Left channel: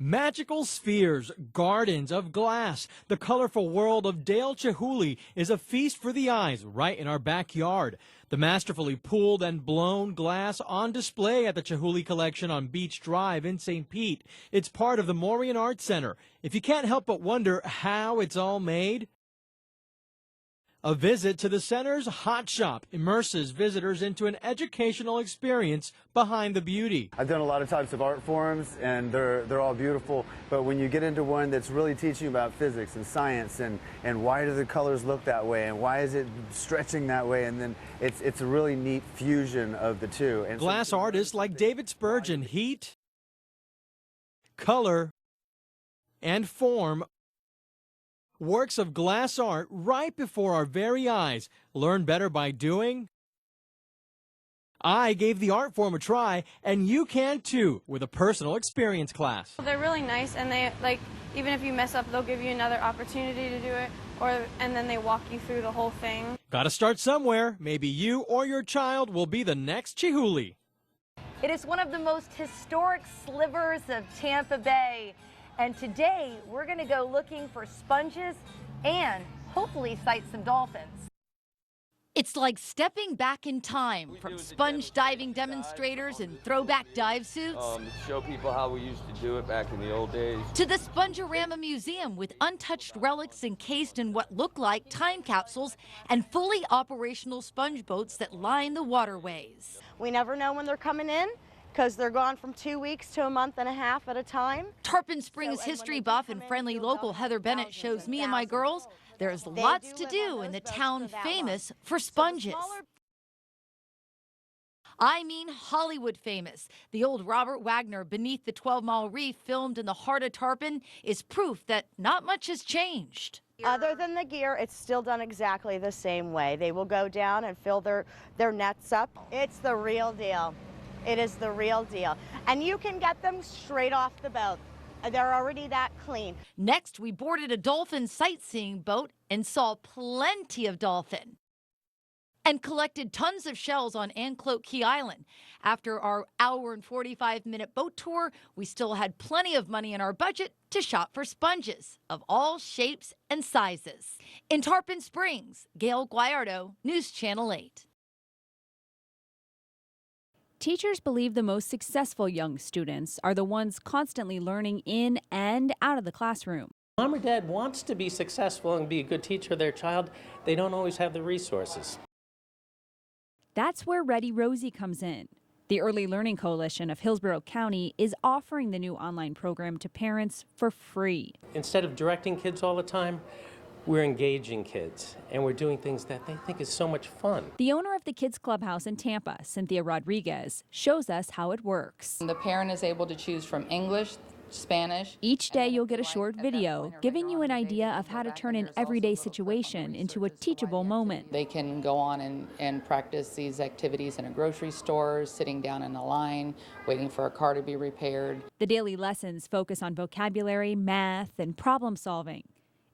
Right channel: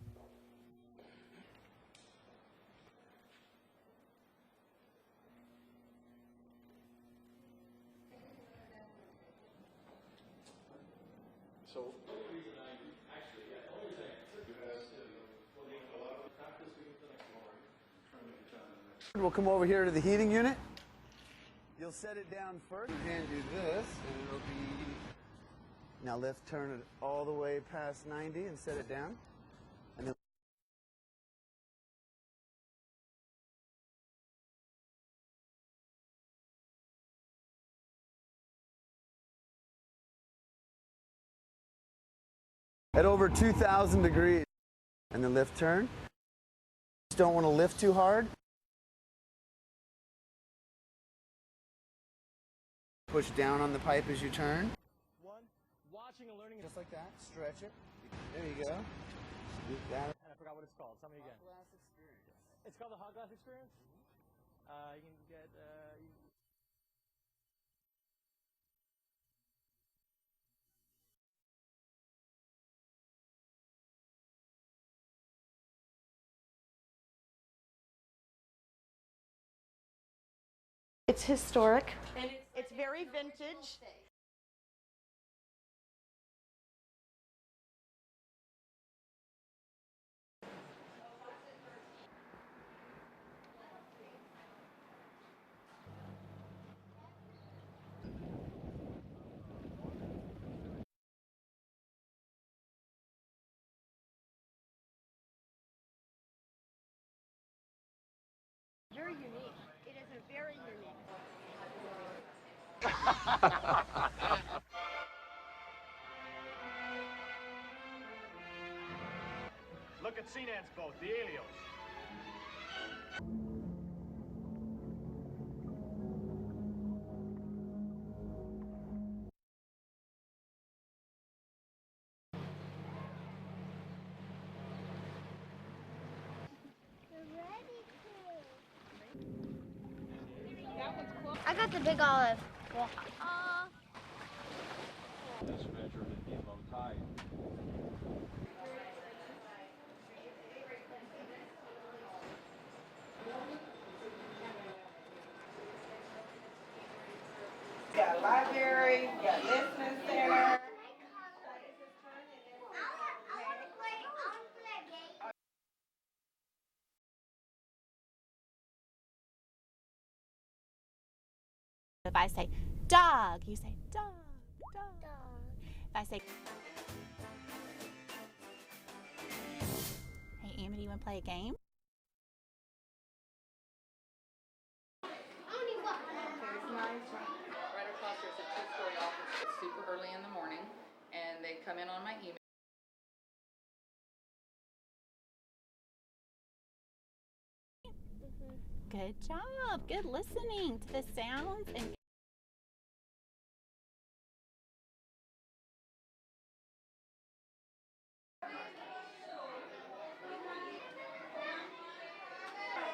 Magical spheres, gardens of glass. The colorful world of Dale Chihuly is a feast for the eyes right in our backyard. The masterfully pooled and blown glass on display at the Chihuly Collection on Beach Drive in St. Pete. It's part of the Maureen Arts Center. If you can't help but wonder how it's all made, we'll come over here to the heating unit. A visit to the center's hot shop immerses visitors into an educational experience behind the beauty. I've done a lot of types of art forms, and they're all beautiful, but when you get into one that's really teaching about physics and science and why do the colors look that way and why is it stretching that way, and then it's a really neat fusion of the two. And glass artists like David Spurgeon heat at over 2,000 degrees, color, and the lift turn, and form. Don't want to lift too hard. Works of glass art right before our very eyes. Learn better by doing. Push down on the pipe as you turn. I gave the art form a try, and you can too with a personal experience class. Well, they're really nice, and they even if you mess up, they'll give you another opportunity to do it, and then they walk you through the whole thing. Gotta start somewhere. Maybe you or your child will be the next Chihuly. It is one of the most historic slivers of Tampa Bay. And today, we're going to go looking for sponges and hopefully sight some dolphins. It's historic. It's like stepping back in time from sponge diving demonstrators and throwback dive suits. Show people how we used to do it back in the old days. To the Spongerama Museum with untouched relics encased in what look like time capsules and fully operational sponge boats that line the waterways. We never know when they're coming in, because they're gone from 2 weeks to a month and a half at a time. Tarpon Springs history buff and friendly local Heather Bennett shows me and my girls there's lots to do in the town famous for sponges. I mean Hollywood famous. The old Robert Wagner Beneath the 12-Mile Reef, filmed in the heart of Tarpon, is proof that not much has changed. Other than the gear, it's still done exactly the same way. They will go down and fill their nets up. It's the real deal. It is the real deal. And you can get them straight off the boat. They're already that clean. Next, we boarded a dolphin sightseeing boat and saw plenty of dolphin. I got the big olive. And collected tons of shells on Anclote Key Island. After our hour and 45-minute boat tour, we still had plenty of money in our budget to shop for sponges of all shapes and sizes. In Tarpon Springs, Gail Guayardo, News Channel 8. Got a library, got listening center. Teachers believe the most successful young students are the ones constantly learning in and out of the classroom. Mom or dad wants to be successful and be a good teacher of their child. They don't always have the resources. If I say dog, that's where Ready Rosie comes in. The Early Learning Coalition of Hillsborough County is offering the new online program to parents for free. Instead of directing kids all the time, we're engaging kids, and we're doing things that they think is so much fun. The owner of the Kids Clubhouse in Tampa, Cynthia Rodriguez, shows us how it works. The parent is able to choose from English, Spanish. Each day you'll get a short video giving you an idea of how to turn an everyday situation into a teachable moment. They can go on and practice these activities in a grocery store, sitting down in a line, waiting for a car to be repaired. The daily lessons focus on vocabulary, math, and problem solving.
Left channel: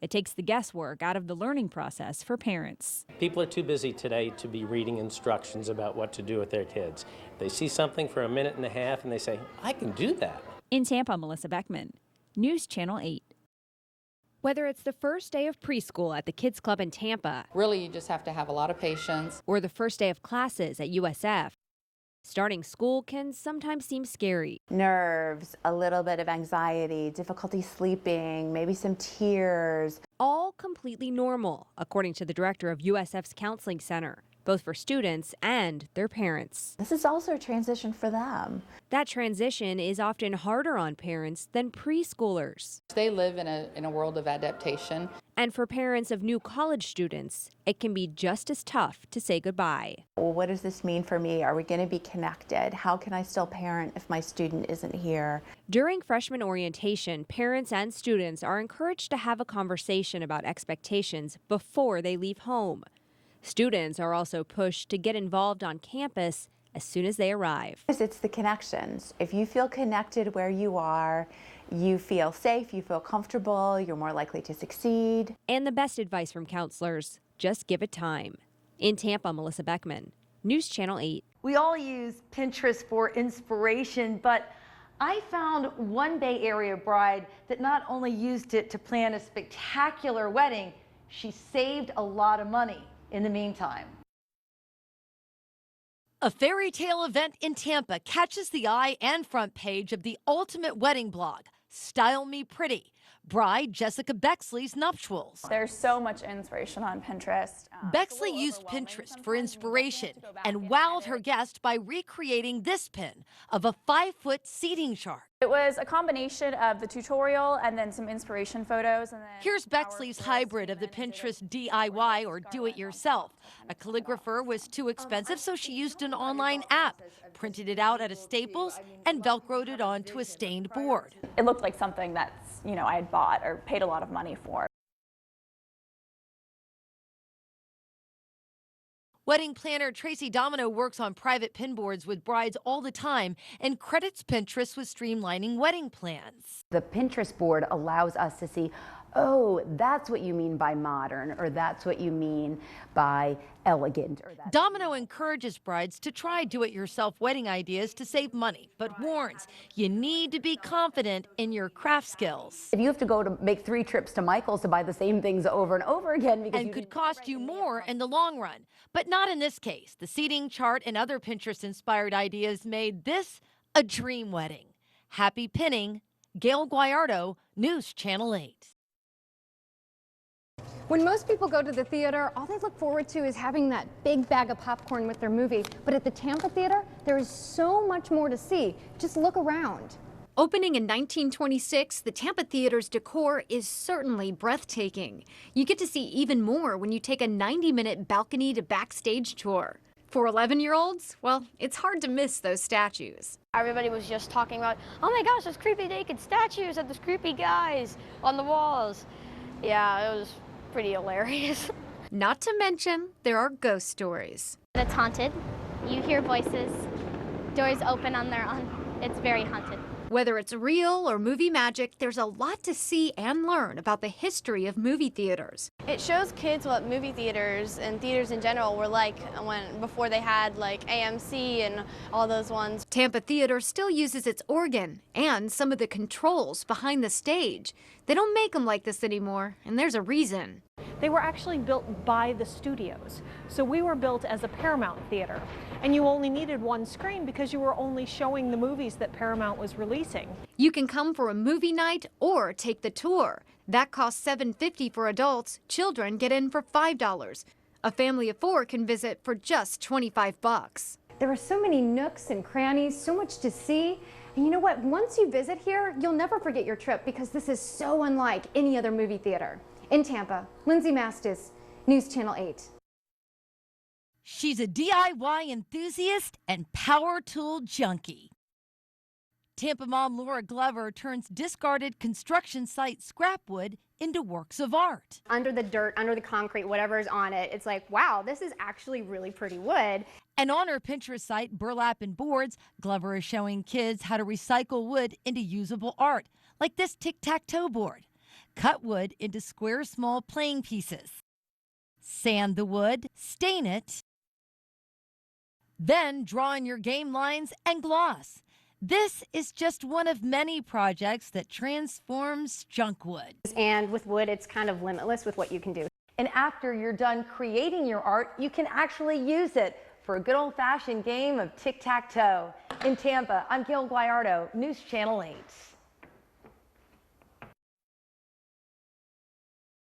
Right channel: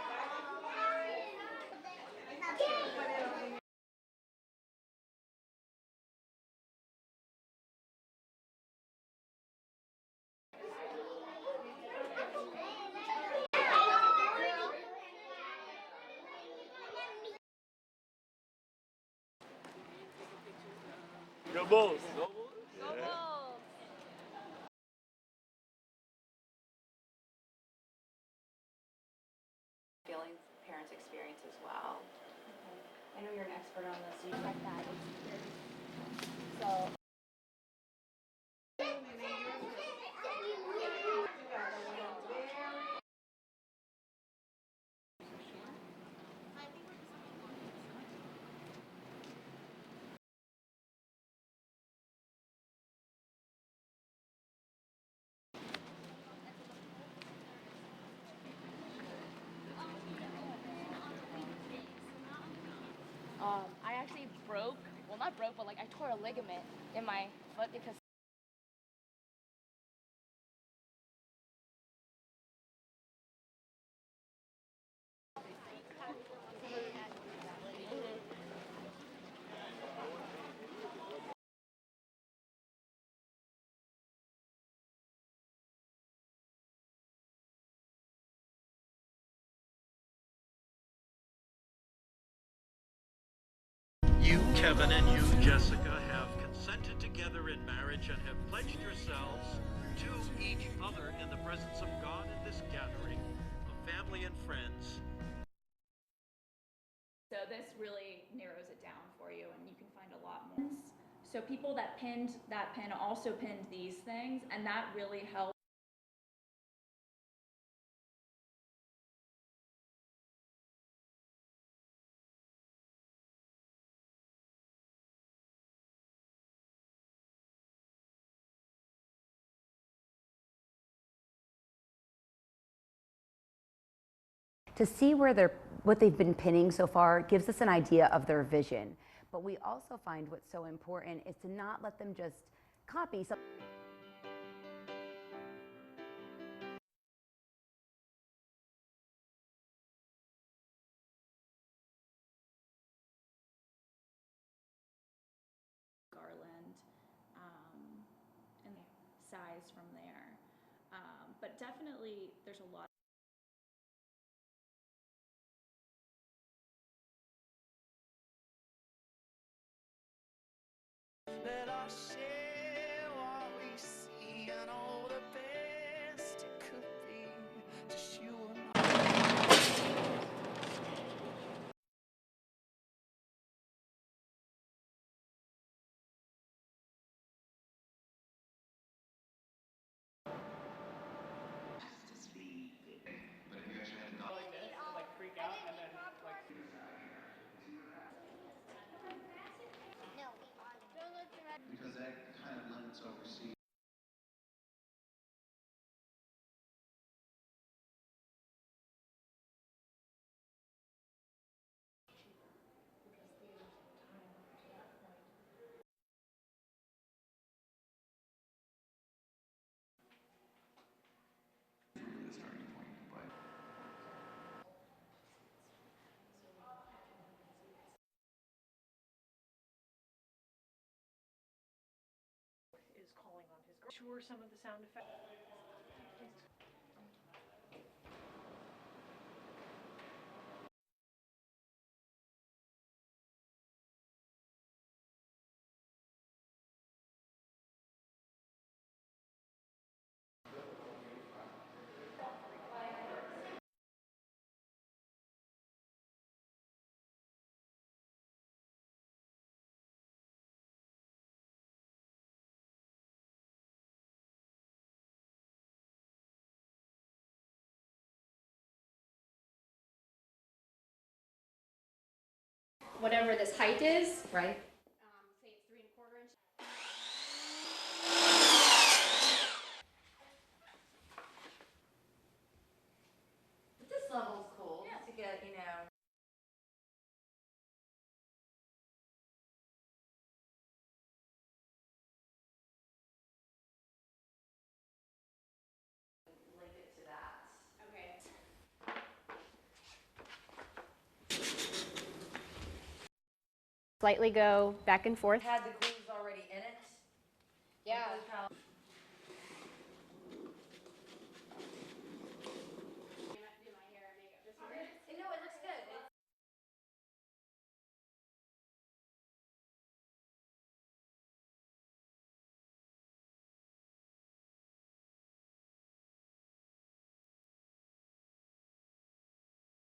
It takes the guesswork out of the learning process for parents. People are too busy today to be reading instructions about what to do with their kids. They see something for a minute and a half and they say, I can do that. In Tampa, Melissa Beckman, News Channel 8. Whether it's the first day of preschool at the Kids Club in Tampa, really you just have to have a lot of patience, or the first day of classes at USF, starting school can sometimes seem scary. Nerves, a little bit of anxiety, difficulty sleeping, maybe some tears. All completely normal, according to the director of USF's Counseling Center, both for students and their parents. This is also a transition for them. That transition is often harder on parents than preschoolers. They live in a world of adaptation. And for parents of new college students, it can be just as tough to say goodbye. Well, what does this mean for me? Are we going to be connected? How can I still parent if my student isn't here? During freshman orientation, parents and students are encouraged to have a conversation about expectations before they leave home. Students are also pushed to get involved on campus as soon as they arrive. It's the connections. If you feel connected where you are, you feel safe, you feel comfortable, you're more likely to succeed. And the best advice from counselors, just give it time. In Tampa, Melissa Beckman, News Channel 8. We all use Pinterest for inspiration, but I found one Bay Area bride that not only used it to plan a spectacular wedding, she saved a lot of money in the meantime. You, Kevin, and you, Jessica. A fairy tale event in Tampa catches the eye and front page of the ultimate wedding blog, Style Me Pretty. Bride Jessica Bexley's nuptials. There's so much inspiration on Pinterest. Bexley used Pinterest for inspiration and wowed her guest by recreating this pin of a 5-foot seating chart. It was a combination of the tutorial and then some inspiration photos. And then here's Bexley's hybrid of the Pinterest DIY or do-it-yourself. A calligrapher was too expensive, so she used an online app, printed it out at a Staples, and Velcroed it onto a stained board. It looked like something that's, I had bought or paid a lot of money for. To see what they've been pinning so far gives us an idea of their vision. Wedding planner Tracy Domino works on private pin boards with brides all the time and credits Pinterest with streamlining wedding plans. The Pinterest board allows us to see, oh, that's what you mean by modern, or that's what you mean by elegant. Domino encourages brides to try do-it-yourself wedding ideas to save money, but warns you need to be confident in your craft skills. If you have to go to make 3 trips to Michael's to buy the same things over and over again, because and could cost you more in the long run, but not in this case. The seating chart and other Pinterest-inspired ideas made this a dream wedding. Happy pinning, Gail Guayardo, News Channel 8. When most people go to the theater, all they look forward to is having that big bag of popcorn with their movie. But at the Tampa Theater, there is so much more to see. Just look around. Opening in 1926, the Tampa Theater's decor is certainly breathtaking. You get to see even more when you take a 90-minute balcony to backstage tour. For 11-year-olds, well, it's hard to miss those statues. Everybody was just talking about, oh my gosh, those creepy naked statues of those creepy guys on the walls. Yeah, it was pretty hilarious. Not to mention, there are ghost stories. It's haunted. You hear voices. Doors open on their own. It's very haunted. Whether it's real or movie magic, there's a lot to see and learn about the history of movie theaters. It shows kids what movie theaters and theaters in general were like before they had like AMC and all those ones. Tampa Theater still uses its organ and some of the controls behind the stage. They don't make them like this anymore, and there's a reason. They were actually built by the studios. So we were built as a Paramount theater. And you only needed one screen because you were only showing the movies that Paramount was releasing. You can come for a movie night or take the tour. That costs $7.50 for adults. Children get in for $5. A family of 4 can visit for just $25. There are so many nooks and crannies, so much to see. And you know what? Once you visit here, you'll never forget your trip because this is so unlike any other movie theater. In Tampa, Lindsay Mastis, News Channel 8. Whatever this height is. She's a DIY enthusiast and power tool junkie. Tampa mom Laura Glover turns discarded construction site scrap wood into works of art. Under the dirt, under the concrete, whatever is on it, it's like, wow, this is actually really pretty wood. And on her Pinterest site, Burlap and Boards, Glover is showing kids how to recycle wood into usable art, like this tic-tac-toe board. Cut wood into square, small playing pieces. Sand the wood, stain it. Slightly go back and forth. Then draw in your game lines and gloss. This is just one of many projects that transforms junk wood. And with wood, it's kind of limitless with what you can do. And after you're done creating your art, you can actually use it for a good old-fashioned game of tic-tac-toe. In Tampa, I'm Gail Guayardo, News Channel 8.